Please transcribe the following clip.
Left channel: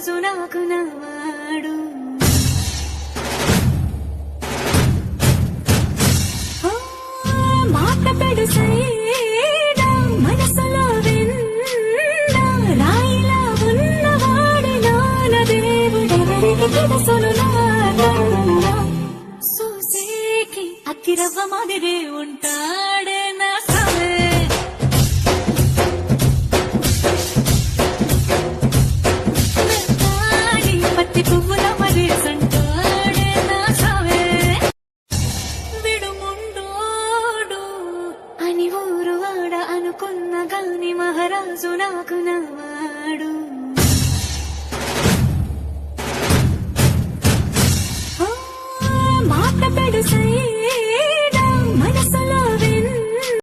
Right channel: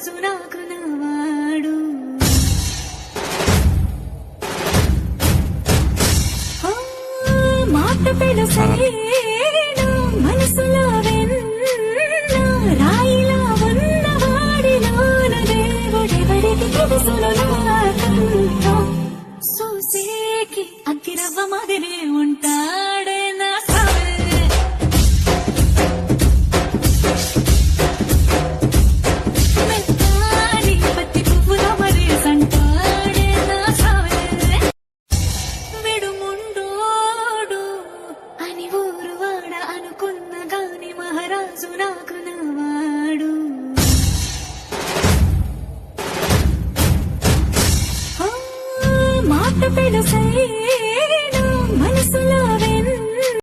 మహారాజు నాకు నవాడు. మాట పెడుసైనా మనసులో వెన్న రాయిలా ఉన్నవాడిలోన దేవుడెవరికి తెలుసును నాకన్నా. సూసేకి అగ్గిరవ్వ మాదిరి ఉంటాడే నా సావే. మెత్తాని పత్తి పువ్వుల మరి సంటాడే నా సావే. విడుముండోడు అని ఊరు వాడ అనుకున్న గాని మహారాజు నాకు నవాడు. మాట పెడుసై